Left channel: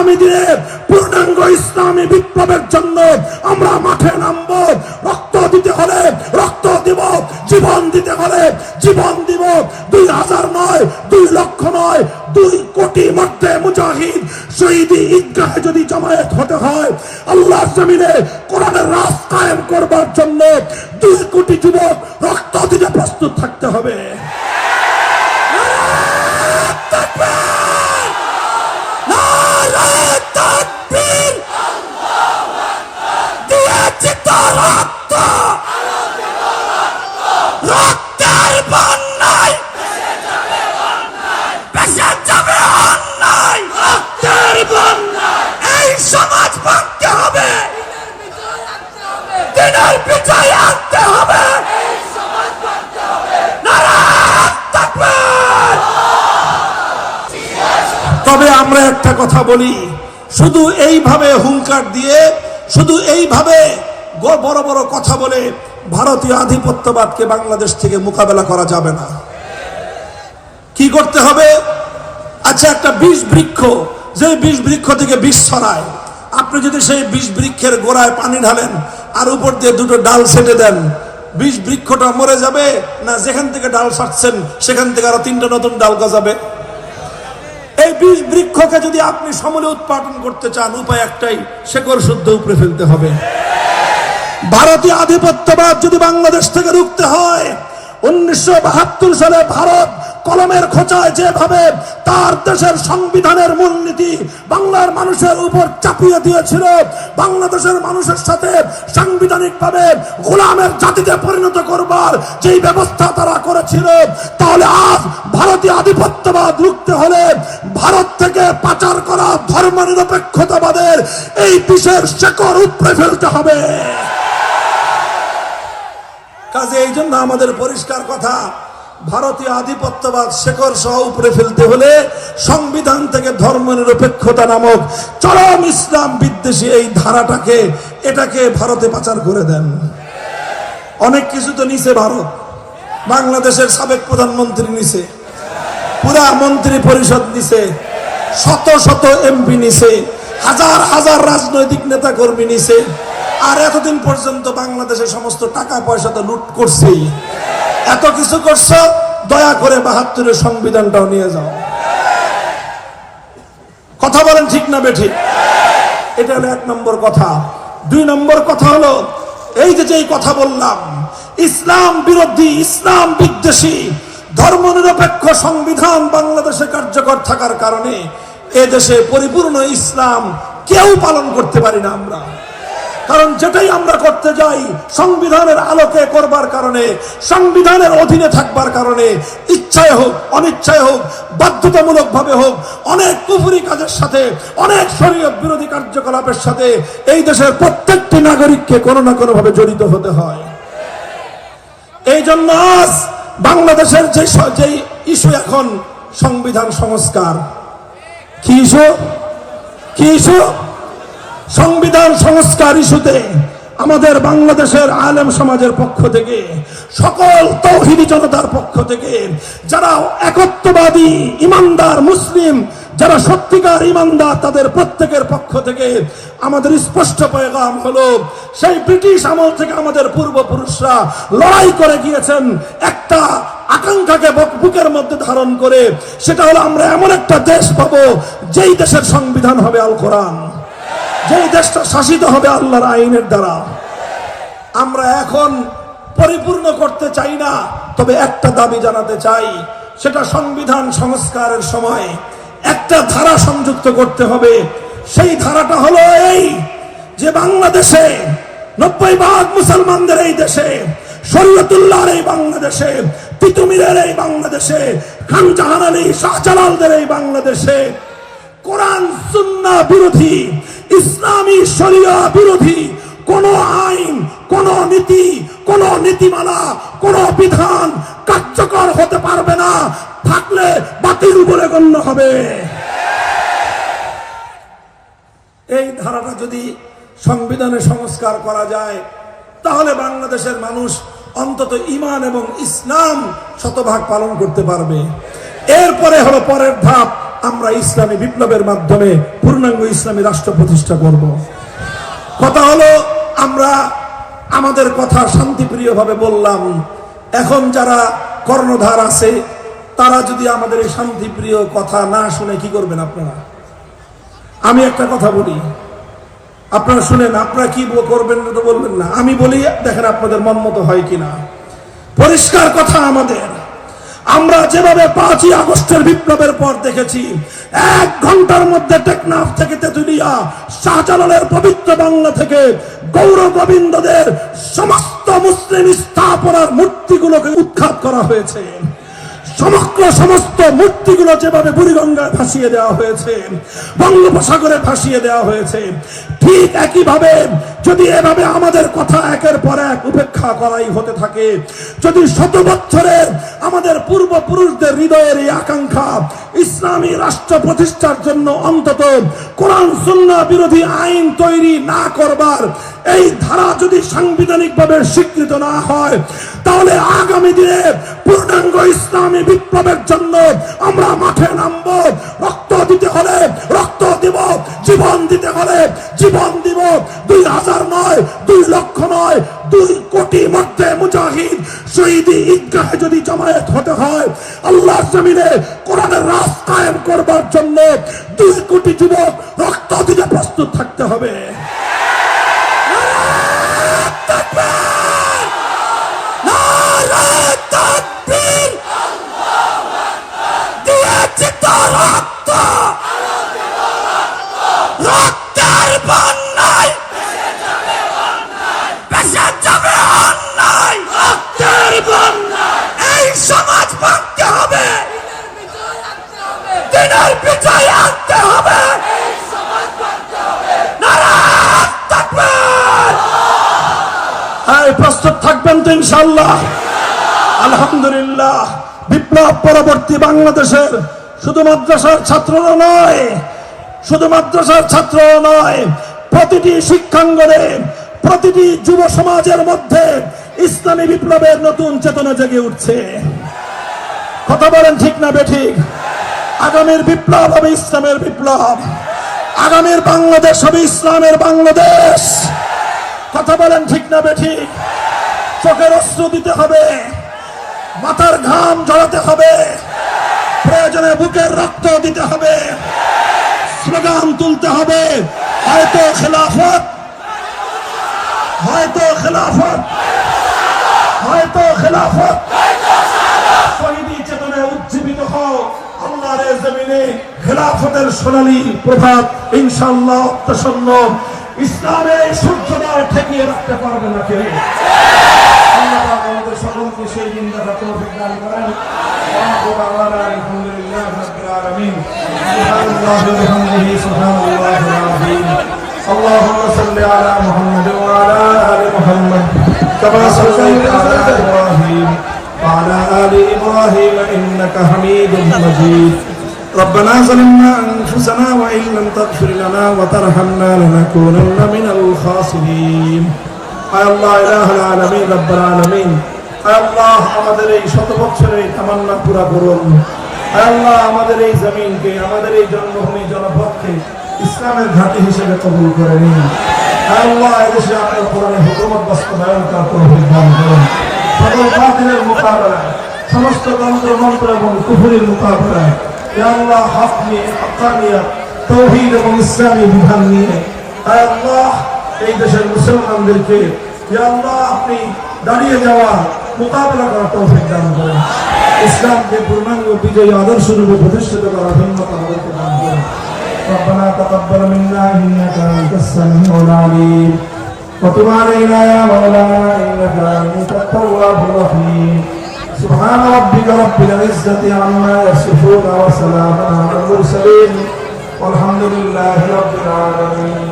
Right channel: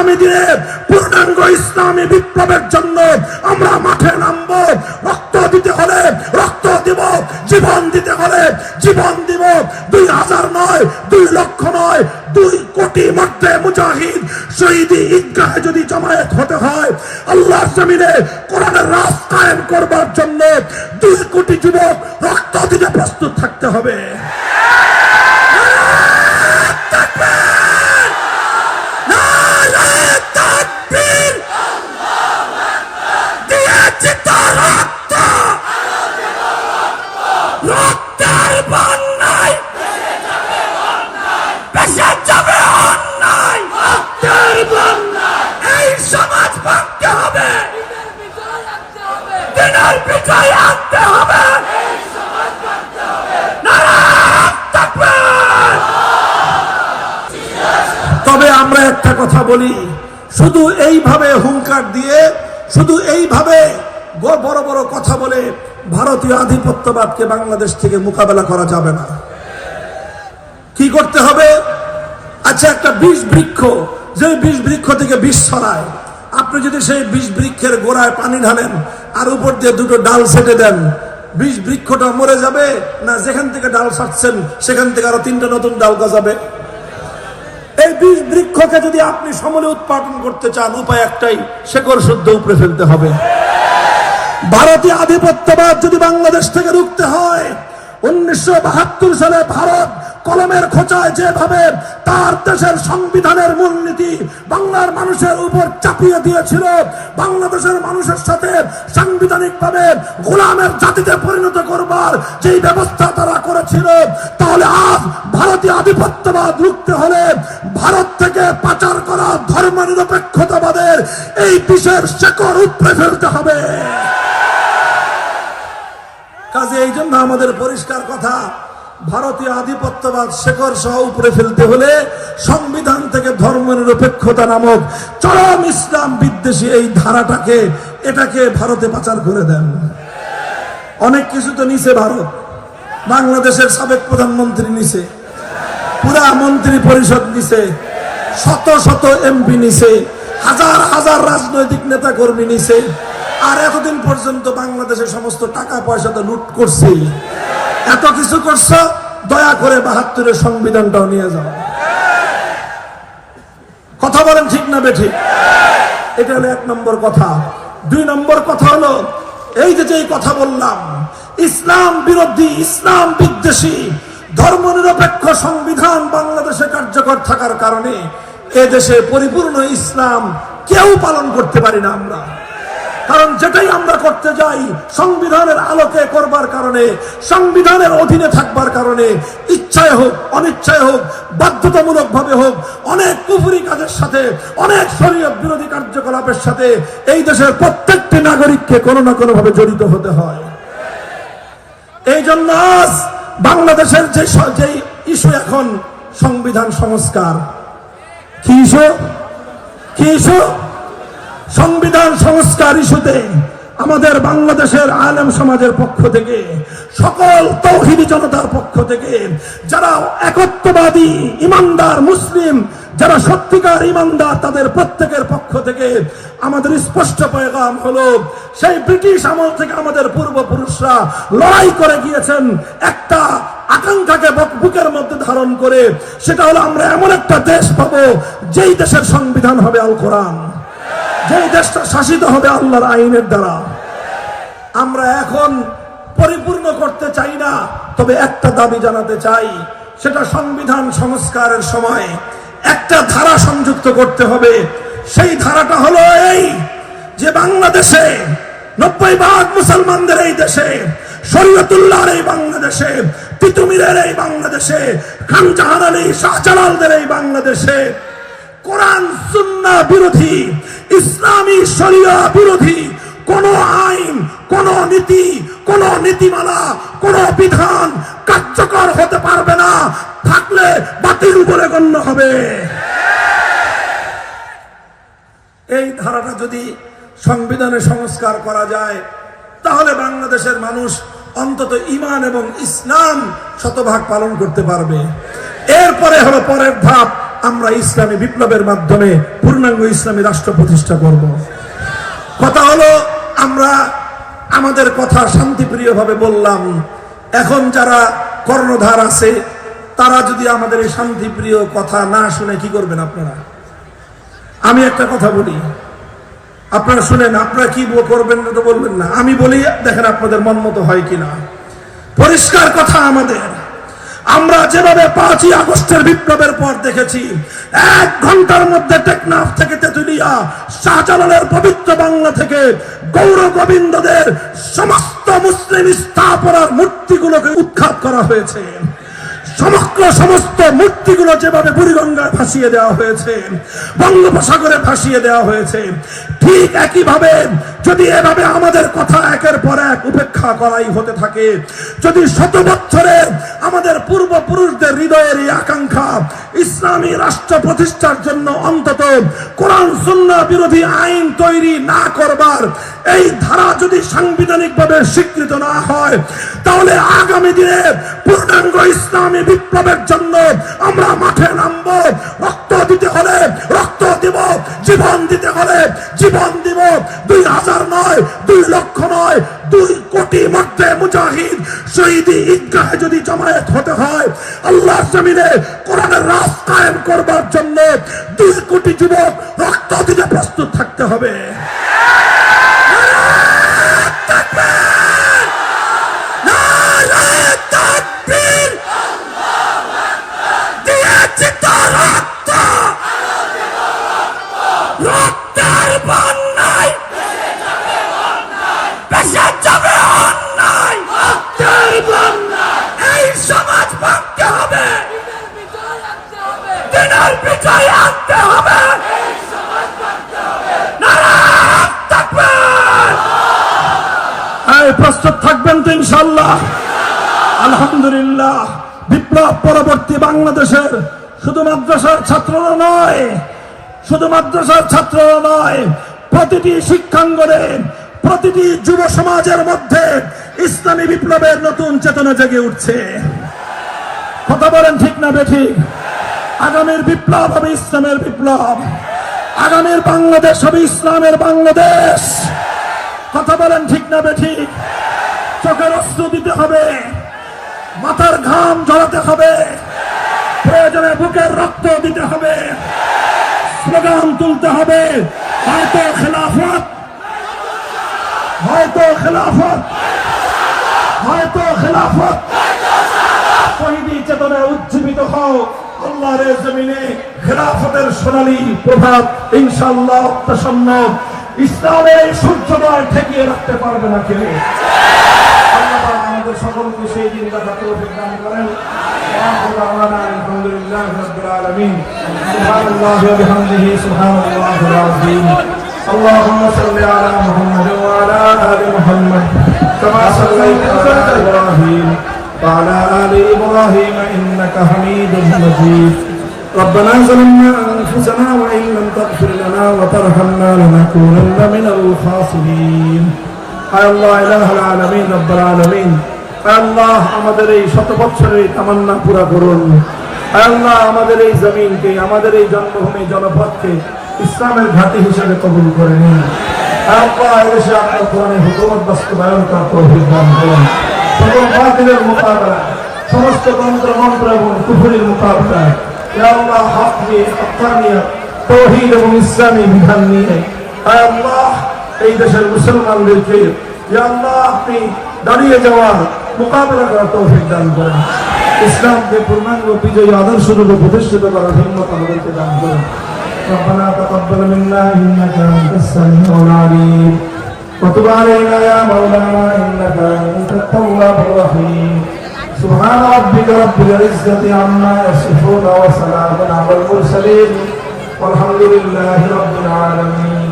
আগামী দিনে পূর্ণাঙ্গ ইসলামী বিপ্লবের জন্য আমরা মাঠে নামবো। রক্ত দিতে হলে রক্ত দিব, জীবন দিতে হলে জীবন দিব। 2000 নয়, 2 লক্ষ নয়, 2 কোটি মধ্যে মুজাহিদ শহীদি ঈদগাহে যদি জমায়েত হতে হয়, আল্লাহর জমিনে কোরআনের রাজ কায়েম করবার জন্য 2 কোটি যুবক রক্ত দিতে প্রস্তুত থাকতে হবে। রক্তের বন্যায় পেশা যাবে অন্যায়, রক্তের বন্যায় এই সমাজ ভাঙতে হবে, দিনের বিজয় আনতে হবে। তবে আমরা একটা কথা বলি, শুধু এইভাবে হুঙ্কার দিয়ে, শুধু এইভাবে বড় বড় কথা বলে ভারতীয় আধিপত্যবাদকে বাংলাদেশ থেকে মোকাবেলা করা যাবে না। কি করতে হবে? আচ্ছা, একটা বিষ বৃক্ষ, যে বিষ বৃক্ষ থেকে বিষ ছড়ায়, আপনি যদি সেই বিষ বৃক্ষের গোড়ায় পানি ঢালেন আর উপর দিয়ে 2টো ডাল ছেটে দেন, বিষ বৃক্ষটা মরে যাবে না যেখান থেকে ডাল ছাড়ছেন সেখান থেকে আরো 3টা নতুন ডাল গজাবে? এই বিষ বৃক্ষকে যদি আপনি সমূলে উৎপাদন করতে চান, উপায় একটাই, শেকড় শুদ্ধ উপড়ে ফেলতে হবে। ভারতীয় আধিপত্যবাদ যদি বাংলাদেশ থেকে রুখতে হয়, 1972 সালে ভারত কলমের খোঁচায় যেভাবে তার দেশের সংবিধানের মূলনীতি বাংলার মানুষের উপর চাপিয়ে দিয়েছিল, বাংলাদেশের মানুষের সাথে সাংবিধানিকভাবে গোলামের জাতিতে পরিণত করবার যে ব্যবস্থা তারা করেছিল, তাহলে আজ ভারতীয় আধিপত্যবাদ রুখতে হলে ভারত থেকে পাচার করা ধর্মনিরপেক্ষতাবাদের এই বিষের শেকড় উপড়ে ফেলতে হবে। কাজে এই জন্য আমাদের পরিষ্কার কথা, ভারতীয় আধিপত্যবাদ শেকড় সহ উপড়ে ফেলতে হলে সংবিধান থেকে ধর্মনিরপেক্ষতা নামক চরম ইসলাম বিদ্বেষী এই ধারাটাকে, এটাকে ভারতে পাচার করে দেন। অনেক কিছু তো নিছে ভারত, বাংলাদেশের সাবেক প্রধানমন্ত্রী নিছে, পুরা মন্ত্রী পরিষদ নিছে, শত শত এমপি নিছে, হাজার হাজার রাজনৈতিক নেতা কর্মী নিছে। আর এতদিন পর্যন্ত বাংলাদেশের সমস্ত টাকা পয়সা তো লুট করছেই। এত কিছু করছে, দয়া করে 72-এর সংবিধানটাও নিয়ে যাও। কথা বলেন ঠিক না বেঠিক? এটা হলো 1 নম্বর কথা। 2 নম্বর কথা হলো, এই যে কথা বললাম, ইসলাম বিরোধী, ইসলাম বিদ্বেষী ধর্মনিরপেক্ষ সংবিধান বাংলাদেশে কার্যকর থাকার কারণে এদেশে পরিপূর্ণ ইসলাম কেউ পালন করতে পারি না আমরা। কারণ যেটাই আমরা করতে যাই সংবিধানের আলোকে করবার কারণে, সংবিধানের অধীনে থাকবার কারণে, ইচ্ছায় হোক অনিচ্ছায় হোক, বাধ্যতামূলক ভাবে হোক, অনেক কুফরি কাজের সাথে, অনেক শরীয়ত বিরোধী কার্যকলাপের সাথে এই দেশের প্রত্যেকটি নাগরিককে কোনো না কোনো ভাবে জড়িত হতে হয়। এই জন্য আজ বাংলাদেশের যে ইস্যু এখন সংবিধান সংস্কার, কি ইস্যু? কি ইস্যু? সংবিধান সংস্কার ইস্যুতে আমাদের বাংলাদেশের আলেম সমাজের পক্ষ থেকে, সকল তৌহিদি জনতার পক্ষ থেকে, যারা একত্ববাদী ইমানদার মুসলিম, যারা সত্যিকার ইমানদার, তাদের প্রত্যেকের পক্ষ থেকে আমাদের স্পষ্ট পেগাম হলো, সেই ব্রিটিশ আমল থেকে আমাদের পূর্বপুরুষরা লড়াই করে গিয়েছেন একটা আকাঙ্ক্ষাকে বুকের মধ্যে ধারণ করে, সেটা হলো আমরা এমন একটা দেশ পাবো যেই দেশের সংবিধান হবে আল কোরআন, যেই দেশটা শাসিত হবে আল্লাহর আইনের দ্বারা। আমরা এখন পরিপূর্ণ করতে চাই না, তবে একটা দাবি জানাতে চাই, সেটা সংবিধান সংস্কারের সময় একটা ধারা সংযুক্ত করতে হবে। সেই ধারাটা হলো এই যে বাংলাদেশে 90% মুসলমানদের এই দেশে, শরীয়তুল্লাহর এই বাংলাদেশে, তিতুমিরের এই বাংলাদেশে, খান জাহান আলী শাহজালালদের এই বাংলাদেশে কোরআন সুন্নাহ বিরোধী, ইসলামী শরিয়া বিরোধী কোন আইন, কোন নীতি, কোন নীতিমালা, কোন বিধান কার্যকর হতে পারবে না, থাকলে বাতিল বলে গণ্য হবে। এই ধারাটা যদি সংবিধানে সংস্কার করা যায়, তাহলে বাংলাদেশের মানুষ অন্তত ঈমান এবং ইসলাম শতভাগ পালন করতে পারবে। এরপরে হলো পরের ধাপ, আমরা ইসলামী বিপ্লবের মাধ্যমে পূর্ণাঙ্গ ইসলামী রাষ্ট্র প্রতিষ্ঠা করব। কথা হলো আমরা আমাদের কথা শান্তিপ্রিয় ভাবে বললাম। এখন যারা কর্ণধার আছে তারা যদি আমাদের এই শান্তিপ্রিয় কথা না শুনে কি করবেন আপনারা? আমি একটা কথা বলি, আপনারা শুনেন, আপনারা কি করবেন না তো বলবেন না, আমি বলি, দেখেন আপনাদের মন মতো হয় কিনা। পরিষ্কার কথা আমাদের, আমরা যেভাবে 5ই আগস্টের বিপ্লবের পর দেখেছি 1 ঘন্টার মধ্যে টেকনাফ থেকে তেতুলিয়া, শাহজালালের পবিত্র বাংলা থেকে গৌর গোবিন্দদের সমস্ত মুসলিম স্থাপনার মূর্তিগুলোকে উৎখাত করা হয়েছে। সমস্ত মূর্তিগুলো যেভাবে বুড়িগঙ্গায় ভাসিয়ে দেওয়া হয়েছে, বঙ্গোপসাগরে ভাসিয়ে দেওয়া হয়েছে, ঠিক একইভাবে যদি এভাবে আমাদের কথা একের পর এক উপেক্ষা করাই হতে থাকে, যদি 100 বছরের আমাদের পূর্বপুরুষদের হৃদয়ের এই আকাঙ্ক্ষা ইসলামী রাষ্ট্র প্রতিষ্ঠার জন্য অন্তত কোরআন সুন্নাহ বিরোধী আইন তৈরি না করবার এই ধারা যদি সাংবিধানিকভাবে স্বীকৃত না হয়, তাহলে আগামী দিনে পূর্ণাঙ্গ ইসলামী বিপ্লবের জন্য আমরা মাঠে নামব। রক্ত দিতে হলে রক্ত দিব, জীবন দিতে হলে জীবন দিব। 2000 নয়, 2 লক্ষ নয়, 2 কোটি মধ্যে মুজাহিদ শহীদি ঈদগাহে যদি জমায়েত হতে হয়, আল্লাহর জমিনে কোরআনের রাজ কায়েম করবার জন্য 2 কোটি যুবক রক্ত দিতে প্রস্তুত থাকতে হবে। প্রস্তুত থাকবেন তো ইনশাআল্লাহ? আলহামদুলিল্লাহ। বিপ্লব পরবর্তী বাংলাদেশের শুধু মাদ্রাসার ছাত্ররা নয়, প্রতিটি শিক্ষাঙ্গনে, প্রতিটি যুব সমাজের মধ্যে ইসলামী বিপ্লবের নতুন চেতনা জেগে উঠছে। কথা বলেন ঠিক না বেঠিক? আগামীর বিপ্লব হবে ইসলামের বিপ্লব, আগামীর বাংলাদেশ হবে ইসলামের বাংলাদেশ। কথা বলেন ঠিক না বেঠিক? চোখের অশ্রু দিতে হবে, মাথার ঘাম ঝরাতে হবে, প্রয়োজনে বুকের রক্ত দিতে হবে, স্লোগান তুলতে হবে, হয়তো খেলাফত, হয়তো খেলাফত, হয়তো খেলাফত। শহীদি চেতনায় উজ্জীবিত হও। আল্লাহর জমিনে খেলাফতের সোনালী প্রভাত ইনশাআল্লাহ প্রসন্ন। ইসলামের সূর্যোদয় ঠেকিয়ে রাখতে পারবে না কে? আল্লাহ পাক আমাদের সকলকে সেই দিন দেখা তৌফিক দান করেন। আলহামদুলিল্লাহি রাব্বিল আলামিন। সুবহানাল্লাহি ওয়া বিহামদিহি, সুবহানাল্লাহিল আযীম। আল্লাহুম্মা সাল্লি আলা মুহাম্মাদ ওয়া আলা আলি মুহাম্মাদ কামা সাল্লাইতা আলা ইব্রাহিম ওয়া আলা আলি ইব্রাহিম ইন্নাকা হামিদুম মাজিদ। ربنا ظلمنا أنفسنا وإن لم تغفر لنا وترحمنا لنكونن من الخاسرين. আয় আল্লাহ ইলাহুল আলামিন, রব্বুল আলামিন, আয় আল্লাহ আমাদের এই 100 বছরের তামান্না পুরা করুন। আয় আল্লাহ আমাদের এই জমিনকে, আমাদের এই জন্মভূমি জনপদকে ইসলামের ঘাঁটি হিসেবে কবুল করে নিন। আয় আল্লাহ এদেশে আপনার কোরআনের হুকুমত বাস্তবায়ন করার তৌফিক দান করুন। সকল বাতিলের মোকাবেলায়, সমস্ত তন্ত্র মন্ত্র এবং কুফরির মোকাবেলায় ইয়া আল্লাহ হক নিয়ে, হক্কানিয়ত, তাওহীদ এবং ইসলামী বিধান নিয়ে আয় আল্লাহ এই দেশের মুসলমানদেরকে ইয়া আল্লাহ আপনি দাঁড়িয়ে যাওয়ার মোকাবেলা করার তৌফিক দান করুন। ইসলামকে পূর্ণাঙ্গ বিজয়ী আদর্শরূপে প্রতিষ্ঠিত করার হিম্মত আমাদেরকে দান করুন। ربنا تقبل منا إنك أنت السميع العليم وتب علينا يا مولانا إنك أنت التواب الرحيم. سبحان ربك رب العزة عما يصفون وسلام على المرسلين والحمد لله رب العالمين.